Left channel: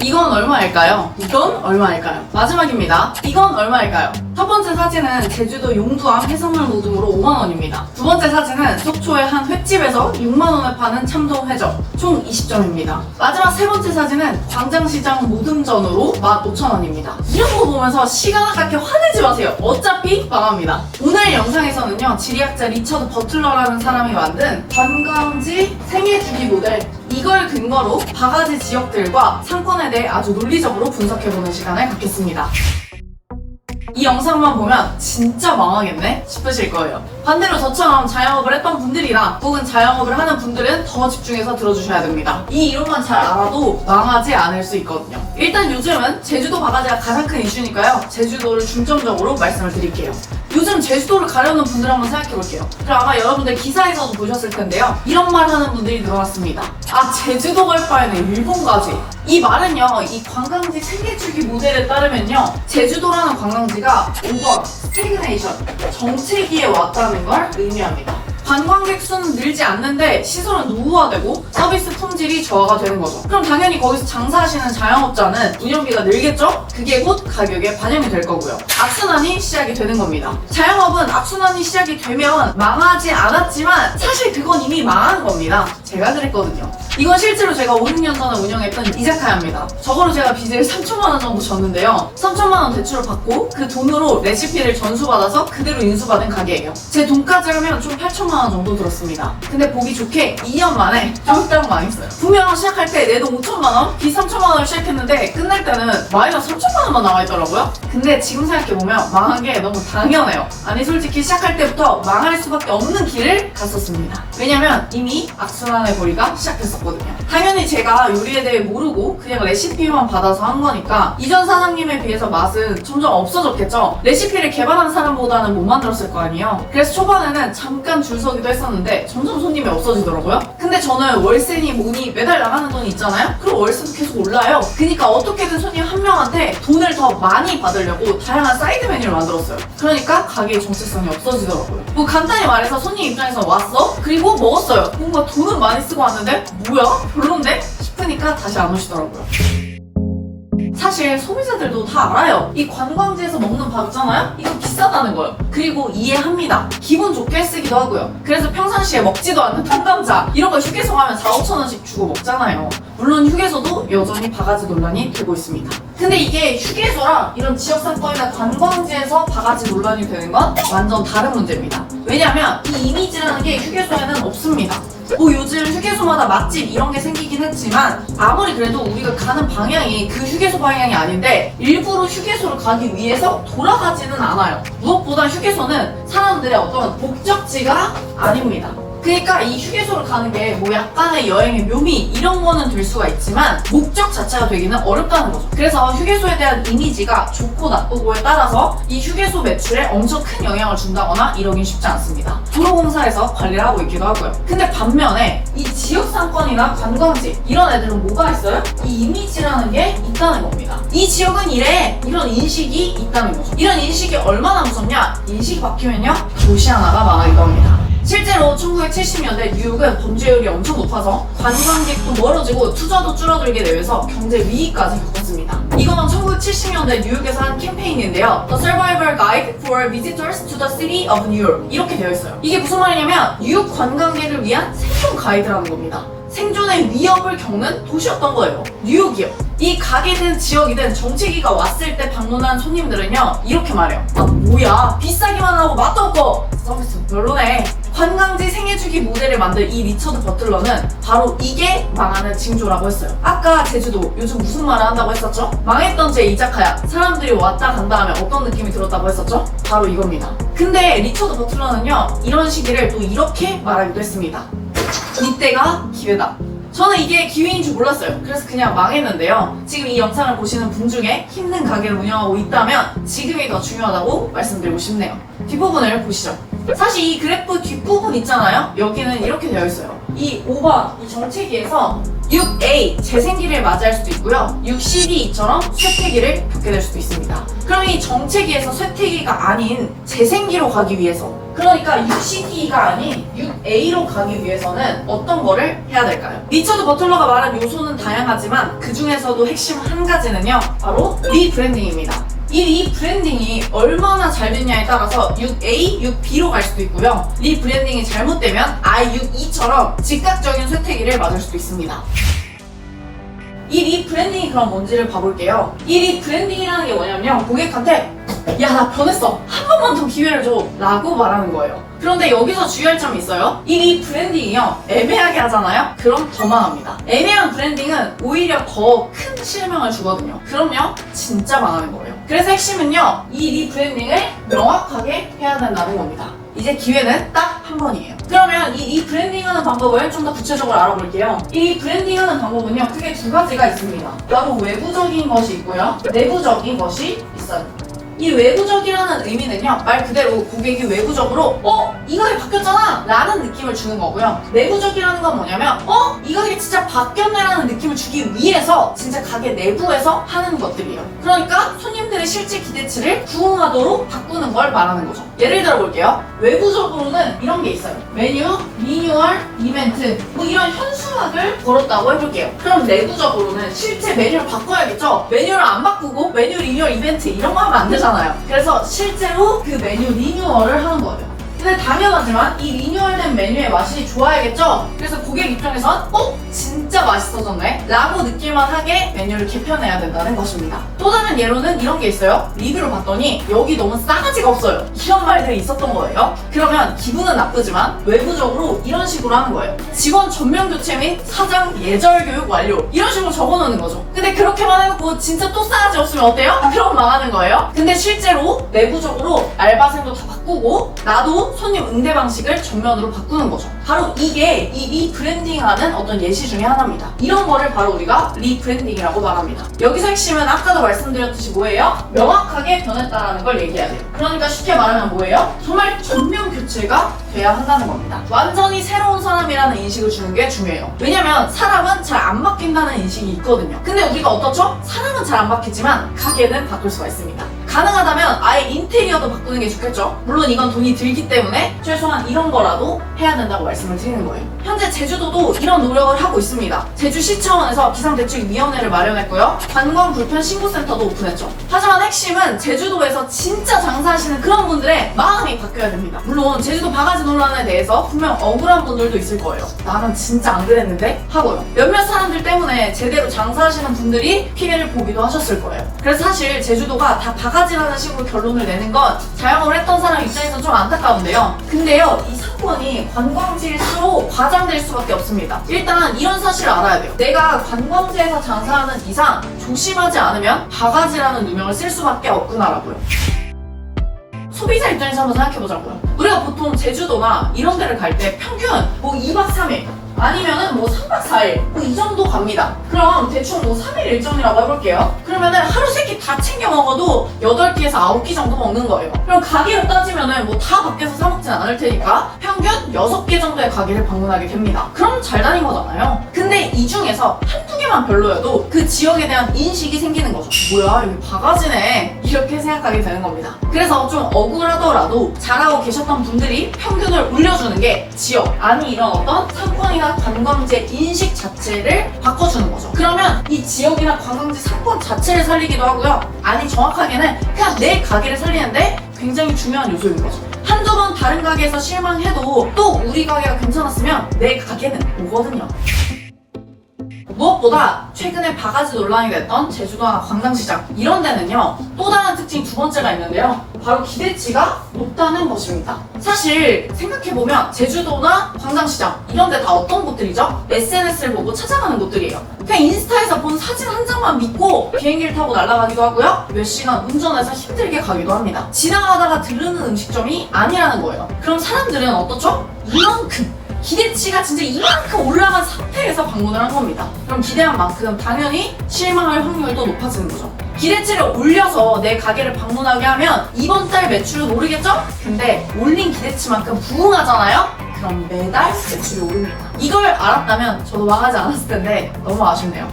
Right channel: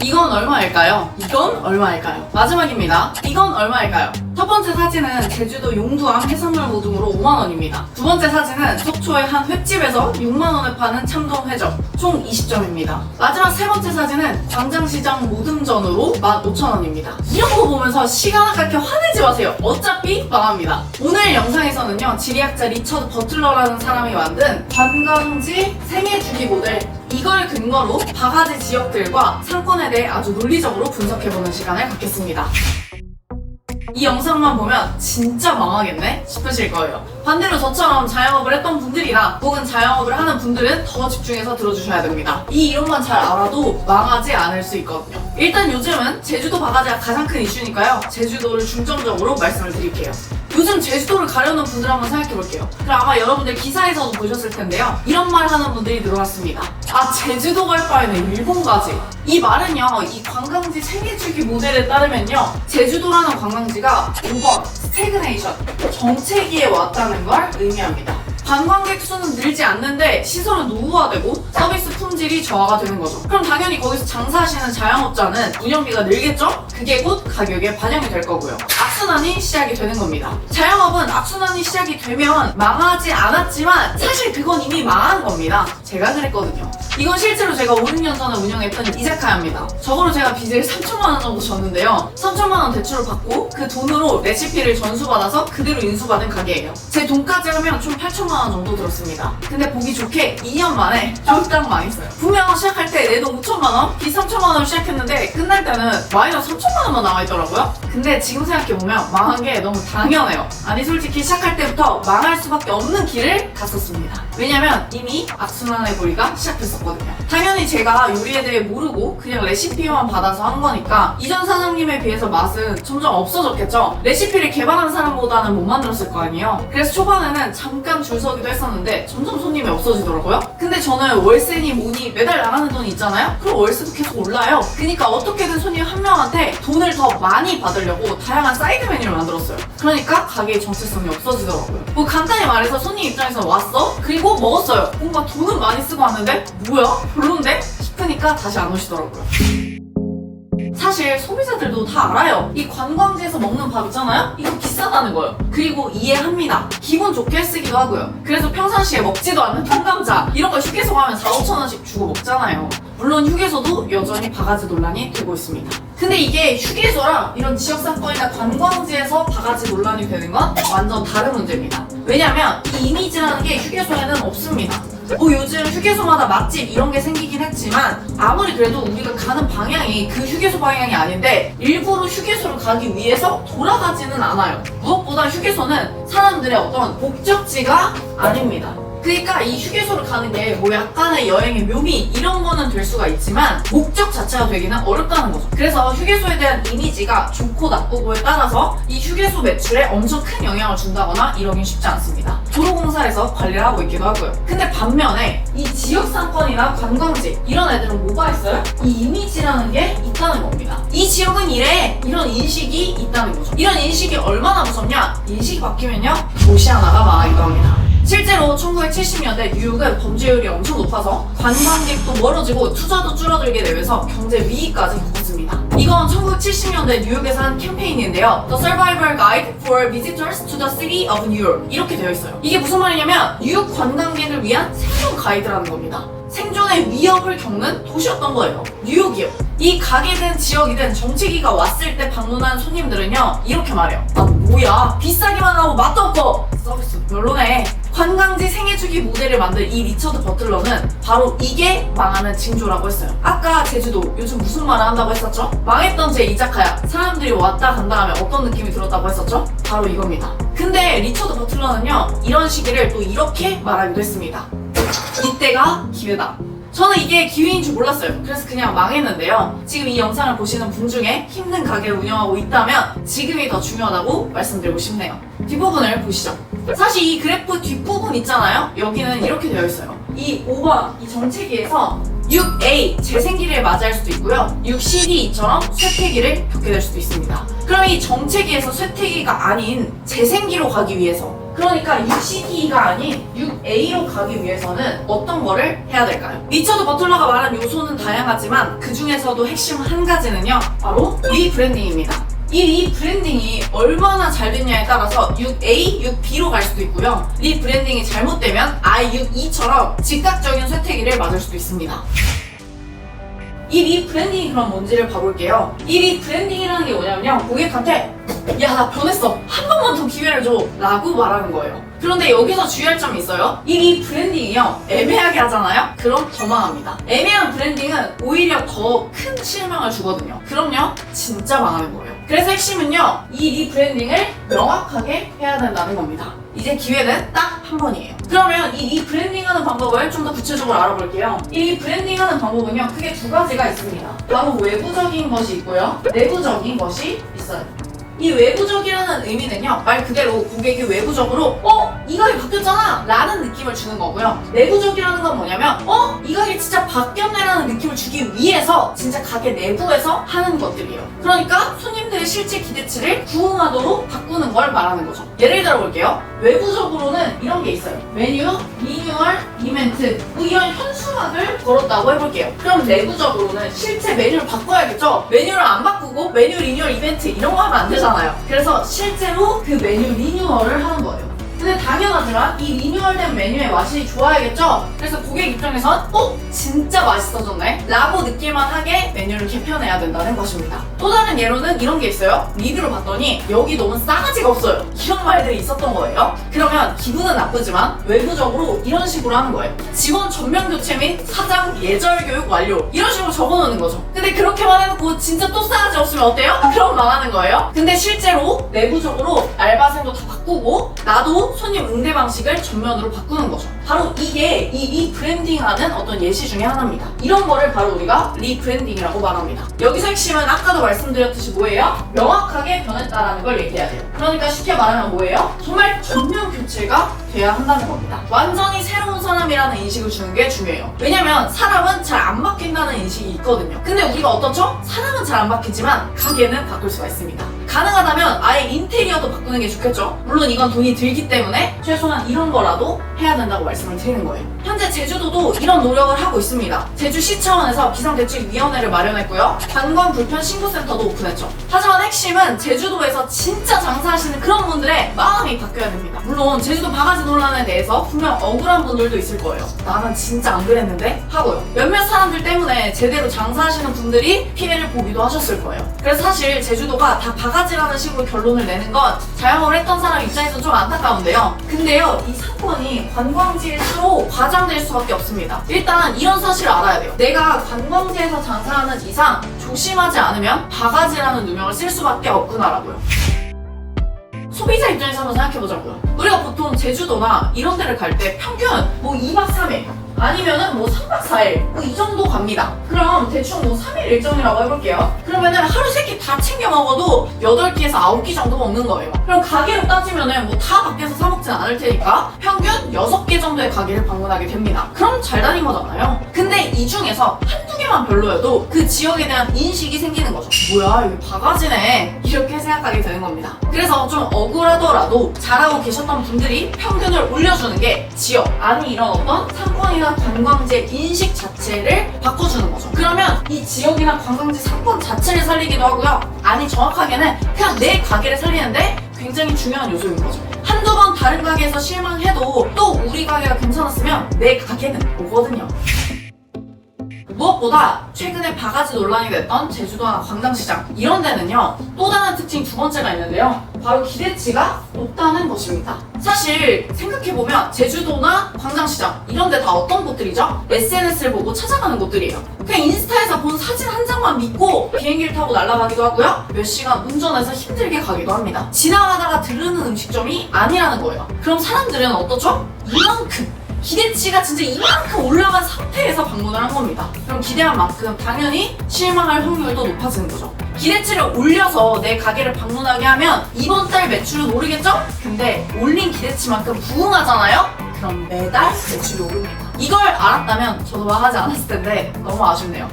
이건 얼마일까요? 이건 얼마일까요? 마지막입니다. 이건 얼마일까요? 첫 번째 사진은 제주도 용두암 해산물 모듬으로 5만원입니다. 두 번째 사진은 속초의 한 횟집에서 6만원에 파는 참돔 회점, 총 20점입니다. 마지막 세 번째 사진은 광장시장 모듬전으로 15,000원입니다. 이런 거 보면서 시간 아깝게 화내지 마세요. 어차피 망합니다. 오늘 영상에서는요, 지리학자 리처드 버틀러라는 사람이 만든 관광지 생애주기 모델, 이걸 근거로 바가지 지역들과 상권에 대해 아주 논리적으로 분석해보는 시간을 갖겠습니다. 이 영상만 보면 진짜 망하겠네 싶으실 거예요. 반대로 저처럼 자영업을 했던 분들이나 혹은 자영업을 하는 분들은 더 집중해서 들어주셔야 됩니다. 이 이론만 잘 알아도 망하지 않을 수 있거든요. 일단 요즘은 제주도 바가지가 가장 큰 이슈니까요, 제주도를 중점적으로 말씀을 드릴게요. 요즘 제주도를 가려는 분들 한번 생각해볼게요. 그럼 아마 여러분들 기사에서도 보셨을 텐데요, 이런 말 하는 분들이 늘어났습니다. 아, 제주도 갈 바에는 일본 가지. 이 말은요, 이 관광지 생애주기 모델에 따르면요, 제주도라는 관광지가 오버 스태그네이션, 정체기에 왔다는 걸 의미합니다. 관광객 수는 늘지 않는데 시설은 노후화되고 서비스 품질이 저하가 되는 거죠. 그럼 당연히 거기서 장사하시는 자영업자는 운영비가 늘겠죠? 그게 곧 가격에 반영이 될 거고요. 악순환이 시작이 되는 겁니다. 자영업은 악순환이 시작이 되면 망하지 않았지만 사실 그건 이미 망한 겁니다. 제가 그랬거든요. 이건 실제로 제가 5, 6년 전에 운영했던 이자카야입니다. 저거로 제가 빚을 3천만 원 정도 졌는데요, 3천만 원 대출을 받고 그 돈으로 레시피를 전수받아서 그대로 인수받은 가게예요. 제 돈까지 하면 총 8천만 원 정도 들었습니다. 근데 보기 좋게 2년 만에 쫄딱 망했어요. 분명 시작할 때 내 돈 5천만 원, 빚 3천만 원을 시작했는데 끝날 때는 마이너스 3천만 원만 남아있더라고요. 근데 지금 생각해보면 망한 게 너무 당연해요. 아니 솔직히 시작할 때부터 망할 수밖에 없는 길을 갔었습니다. 왜냐면 이미 악순환의 고리가 시작했었거든요. 당연히 제가 요리에 대해 모르고 그냥 레시피만 받아서 한 거니까 이전 사장님에 비해서 맛은 점점 없어졌겠죠. 레시피를 개발한 사람보다는 못 만들었을 거 아니에요. 그래서 초반에는 잠깐 줄 서기도 했었는데 점점 손님이 없어지더라고요. 근데 저는 월세니 뭐니 매달 나가는 돈이 있잖아요. 그럼 월세도 계속 올라요. 그러니까 어떻게든 손님 한 명한테 돈을 더 많이 받으려고 다양한 사이드 메뉴를 만들었어요. 그러니까 가게의 정체성이 없어지더라고요. 뭐 간단히 말해서 손님 입장에서 왔어? 그리고 먹었어요. 뭔가 돈은 많이 쓰고 왔는데 뭐야? 별론데? 싶으니까 다시 안 오시더라고요. 사실 소비자들도 다 알아요. 이 관광지에서 먹는 밥 있잖아요? 이거 비싸다는 거예요. 그리고 이해합니다. 기분 좋게 쓰기도 하고요. 그래서 평상시에 먹지도 않는 통감자 이런 거 휴게소 가면 4, 5천 원씩 주고 먹잖아요. 물론 휴게소도 여전히 바가지 논란이 되고 있습니다. 근데 이게 휴게소랑 이런 지역상권이나 관광지에서 바가지 논란이 되는 건 완전 다른 문제입니다. 왜냐면 이 이미지라는 게 휴게소에는 없습니다. 뭐 요즘 휴게소마다 맛집 이런 게 생기긴 했지만 아무리 그래도 우리가 가는 방향이 그 휴게소 방향이 아닌데 일부러 휴게소를 가기 위해서 돌아가지는 않아요. 무엇보다 휴게소는 사람들의 어떤 목적지가 아닙니다. 그러니까 이 휴게소를 가는 게 뭐 약간의 여행의 묘미 이런 거는 될 수가 있지만 목적 자체가 되기는 어렵다는 거죠. 그래서 휴게소에 대한 이미지가 좋고 나쁘고에 따라서 이 휴게소 매출에 엄청 큰 영향을 준다거나 이러긴 쉽지 않습니다. 도로공사에서 관리를 하고 있기도 하고요. 근데 반면에 이 지역상권이나 관광지 이런 애들은 뭐가 있어요? 이 이미지라는 게 있다는 겁니다. 이 지역은 이래, 이런 인식이 있다는 거죠. 이런 인식이 얼마나 무섭냐? 인식이 바뀌면요, 도시 하나가 망하기도 합니다. 실제로 1970년대 뉴욕은 범죄율이 엄청 높아서 관광객도 멀어지고 투자도 줄어들게 되면서 경제 위기까지 겪었습니다. 이건 1970년대 뉴욕에서 한 캠페인인데요. The Survivor Guide for Visitors to the City of New York 이렇게 되어 있어요. 이게 무슨 말이냐면 뉴욕 관광객을 위한 생존 가이드라는 겁니다. 생존의 위협을 겪는 도시였던 거예요. 뉴욕이요. 이 가게든 지역이든 정체기가 왔을 때 방문한 손님들은요, 이렇게 말해요. 아 뭐야, 비싸기만 하고 맛도 없고 서비스 별로네. 관광지 생애주기 모델을 만든 이 리처드 버틀러는 바로 이게 망하는 징조라고 했어요. 아까 제주도 요즘 무슨 말을 한다고 했었죠? 망했던 제 이자카야, 사람들이 왔다 간다 하면 어떤 느낌이 들었다고 했었죠? 바로 이겁니다. 근데 리처드 버틀러는요, 이런 시기를 또 이렇게 말하기도 했습니다. 이때가 기회다. 저는 이게 기회인 줄 몰랐어요. 그래서 그냥 망했는데요. 지금 이 영상을 보시는 분 중에 힘든 가게를 운영하고 있다면 지금이 더 중요하다고 말씀드리고 싶네요. 뒷부분을 보시죠. 사실 이 그래프 뒷부분 있잖아요. 여기는 이렇게 되어 있어요. 이 5번 이 정체기에서 6A 재생기를 맞이할 수도 있고요. 6CD2처럼 쇠퇴기를 겪게 될 수도 있습니다. 그럼 이 정체기에서 쇠퇴기가 아닌 재생기로 가기 위해서 그러니까 6CD가 아닌 6A로 가기 위해서는 어떤 거를 해야 될까요? 리처드 버틀러가 말한 요소는 다양하지만 그 중에서도 핵심 한 가지는요, 바로 리브랜딩입니다. 이 리브랜딩이 얼마나 잘 됐냐에 따라서 6A, 6B로 갈 수도 있고요. 리브랜딩이 잘못되면 I6E처럼 즉각적인 쇠퇴기를 맞을 수도 있습니다. 이 리브랜딩이 그럼 뭔지를 봐볼게요. 이 리브랜딩이라는 게 뭐냐면요, 고객한테 야, 나 변했어, 한 번만 더 기회를 줘 라고 말하는 거예요. 그런데 여기서 주의할 점이 있어요. 이 리브랜딩이요, 애매하게 하잖아요? 그럼 더 망합니다. 애매한 브랜딩은 오히려 더 큰 실망을 주거든요. 그럼요, 진짜 망하는 거예요. 그래서 핵심은요, 이 리브랜딩을 명확하게 해야 된다는 겁니다. 이제 기회는 딱 한 번이에요. 그러면 이 리브랜딩하는 방법을 좀 더 구체적으로 알아볼게요. 이 리브랜딩하는 방법은요, 크게 두 가지가 있습니다. 바로 외부적인 것이 있고요, 내부적인 것이 있어요. 이 외부적이라는 의미는요, 말 그대로 고객이 외부적으로 이 가게 바뀌었잖아 라는 느낌을 주는 거고요. 내부적이라는 건 뭐냐면 이 가게 진짜 바뀌었네 라는 느낌을 주기 위해서 진짜 가게 내부에서 하는 것들이에요. 그러니까 손님들의 실제 기대치를 부응하도록 바꾸는 걸 말하는 거죠. 예를 들어 볼게요. 외부적으로는 이런 게 있어요. 메뉴, 리뉴얼, 이벤트, 뭐 이런 현수막을 걸었다고 해볼게요. 그럼 내부적으로는 실제 메뉴를 바꿔야겠죠? 메뉴를 안 바꾸고 메뉴, 리뉴얼, 이벤트 이런 거 하면 안 되잖아요. 그래서 실제로 그 메뉴 리뉴얼을 하는 거예요. 근데 당연하지만 이 리뉴얼된 메뉴의 맛이 좋아야겠죠? 그래서 고객 입장에선 진짜 맛있어졌네? 라고 느낄만 하게 메뉴를 개편해야 된다는 것입니다. 또 다른 예로는 이런 게 있어요. 리뷰를 봤더니 여기 너무 싸가지가 없어요, 이런 말들이 있었던 거예요. 그러면 기분은 나쁘지만 외부적으로 이런 식으로 하는 거예요. 직원 전면 교체 및 사장 예절 교육 완료, 이런 식으로 적어놓는 거죠. 근데 그렇게만 해놓고 진짜 또 싸가지 없으면 어때요? 그럼 망하는 거예요. 근데 실제로 내부적으로 알바생도 다 바꾸고 나도 손님 응대 방식을 전면으로 바꾸는 거죠. 바로 이게 이 리브랜딩하는 어떤 예시 중에 하나입니다. 이런 거를 바로 우리가 리브랜딩이라고 말합니다. 여기서 핵심은 아까도 말씀드렸듯이 뭐예요? 명확하게 변했다라는 걸 얘기해야 돼요. 그러니까 쉽게 말하면 뭐예요? 정말 전면 교체가 돼야 한다는 겁니다. 완전히 새로운 사람이라는 인식을 주는 게 중요해요. 왜냐면 사람은 잘 안 바뀐다는 인식이 있거든요. 근데 우리가 어떻죠? 사람은 잘 안 바뀌지만 가게는 바꿀 수가 있습니다. 가능하다면 아예 인테리어도 바꾸는 게 좋겠죠. 물론 이건 돈이 들기 때문에 최소한 이런 거라도 해야 된다고 말씀을 드리는 거예요. 현재 제주도도 이런 노력을 하고 있습니다. 제주시차원에서 비상대책위원회를 마련했고요, 관광 불편 신고센터도 오픈했죠. 하지만 핵심은 제주도에서 진짜 장사하시는 그런 분들의 마음이 바뀌어야 됩니다. 물론 제주도 바가지 논란에 대해서 분명 억울한 분들도 있을 거예요. 나는 진짜 안 그랬는데 하고요. 몇몇 사람들 때문에 제대로 장사하시는 분들이 피해를 보기도 하셨을 거예요. 그래서 사실 제주도가 다 바가지라는 식으로 결론을 내는 건 자영업을 했던 사람 입장에서 좀 안타까운데요. 근데요, 이 사건이 관광지일수록 과장될 수밖에 없습니다. 일단 이런 사실을 알아야 돼요. 내가 관광지에서 장사하는 이상 조심하지 않으면 바가지라는 누명을 쓸 수밖에 없구나라고요. 소비자 입장에서 한번 생각해보자고요. 우리가 보통 제주도나 이런 데를 갈 때 평균 뭐 2박 3일 아니면은 뭐 3박 4일 뭐 이 정도 갑니다. 그럼 대충 뭐 3일 일정이라고 해볼게요. 그러면은 하루 3끼 다 챙겨 먹어도 8끼에서 9끼 정도 먹는 거예요. 그럼 가게로 따지면은 뭐 다 밖에서 사 먹진 않을 테니까 평균 6개 정도의 가게를 방문하게 됩니다. 그럼 잘 다닌 거잖아요. 근데 이 중에서 한두 개만 별로여도 그 지역에 대한 인식이 생기는 거죠. 뭐야, 이게 바가지네, 이렇게 생각하게 되는 겁니다. 그래서 좀 억울하더라도 잘하고 계셨던 분들이 평균을 올려주는 게 지역, 아니 이런 어떤 상권이나 관광지의 인식 자체를 바꿔주는 거죠. 그러면 이 지역이나 관광지 상권 자체를 살리기도 하고요, 아니 정확하게는 그냥 내 가게를 살리는데 굉장히 중요한 요소인 거죠. 한두 번 다른 가게에서 실망해도 또 우리 가게가 괜찮았으면 내 가게는 오거든요. 무엇보다 최근에 바가지 논란이 됐던 제주도나 관광시장, 이런 데는요, 또 다른 특징 두 번째가 있는데요, 바로 기대치가 높다는 것입니다. 사실 생각해보면 제주도나 관광시장 이런 데 다 어떤 곳들이죠? SNS를 보고 찾아가는 곳들이에요. 그냥 인스타에서 본 사진 한 장만 믿고 비행기를 타고 날아가기도 하고요, 몇 시간 운전해서 힘들게 가기도 합니다. 지나가다가 들르는 음식점이 아니라는 거예요. 그럼 사람들은 어떻죠? 이만큼 기대치가 진짜 이만큼 올라간 상태에서 방문을 한 겁니다. 그럼 기대한 만큼 당연히 실망할 확률도 높아지는 거죠. 기대치를 올려서 내 가게를 방문하게 하면 이번 달 매출은 오르겠죠? 근데 올린 기대치만큼 부응하잖아요? 그럼 매달 매출이 오릅니다. 이걸 알았다면 저도 망하지 않았을 텐데 너무 아쉽네요.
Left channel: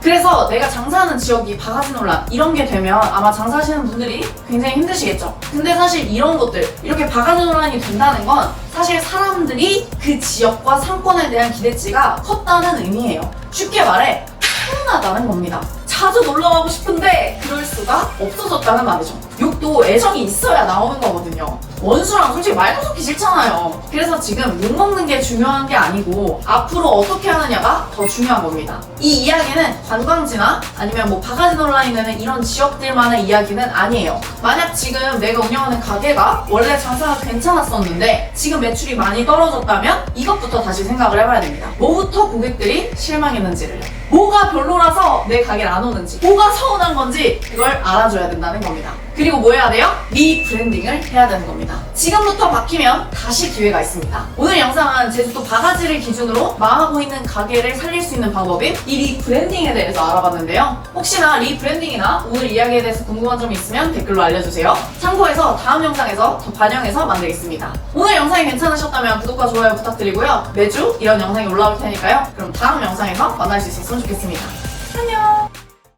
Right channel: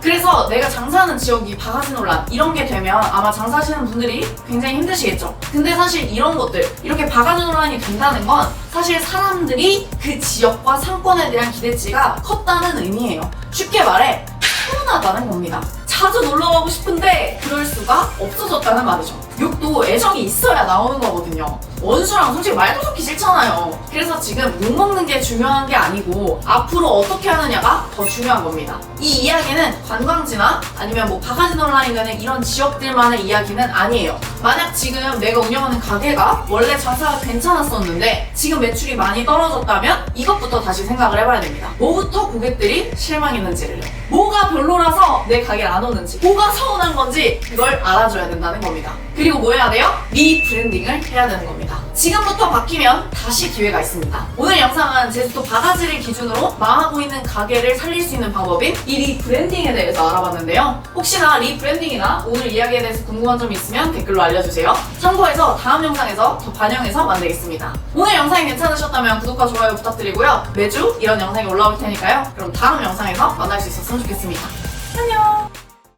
그래서 내가 장사하는 지역이 바가지 논란 이런 게 되면 아마 장사하시는 분들이 굉장히 힘드시겠죠. 근데 사실 이런 것들, 이렇게 바가지 논란이 된다는 건 사실 사람들이 그 지역과 상권에 대한 기대치가 컸다는 의미예요. 쉽게 말해 서운하다는 겁니다. 자주 놀러 가고 싶은데 그럴 수가 없어졌다는 말이죠. 욕도 애정이 있어야 나오는 거거든요. 원수랑 솔직히 말도 섞기 싫잖아요. 그래서 지금 욕먹는 게 중요한 게 아니고 앞으로 어떻게 하느냐가 더 중요한 겁니다. 이 이야기는 관광지나 아니면 뭐 바가지 논란이 되는 이런 지역들만의 이야기는 아니에요. 만약 지금 내가 운영하는 가게가 원래 장사가 괜찮았었는데 지금 매출이 많이 떨어졌다면 이것부터 다시 생각을 해봐야 됩니다. 뭐부터 고객들이 실망했는지를, 뭐가 별로라서 내 가게를 안 오는지, 뭐가 서운한 건지 그걸 알아줘야 된다는 겁니다. 그리고 뭐 해야 돼요? 리브랜딩을 해야 되는 겁니다. 지금부터 바뀌면 다시 기회가 있습니다. 오늘 영상은 제주도 바가지를 기준으로 망하고 있는 가게를 살릴 수 있는 방법인 이 리브랜딩에 대해서 알아봤는데요. 혹시나 리브랜딩이나 오늘 이야기에 대해서 궁금한 점이 있으면 댓글로 알려주세요. 참고해서 다음 영상에서 더 반영해서 만들겠습니다. 오늘 영상이 괜찮으셨다면 구독과 좋아요 부탁드리고요. 매주 이런 영상이 올라올 테니까요. 그럼 다음 영상에서 만날 수 있었으면 좋겠습니다.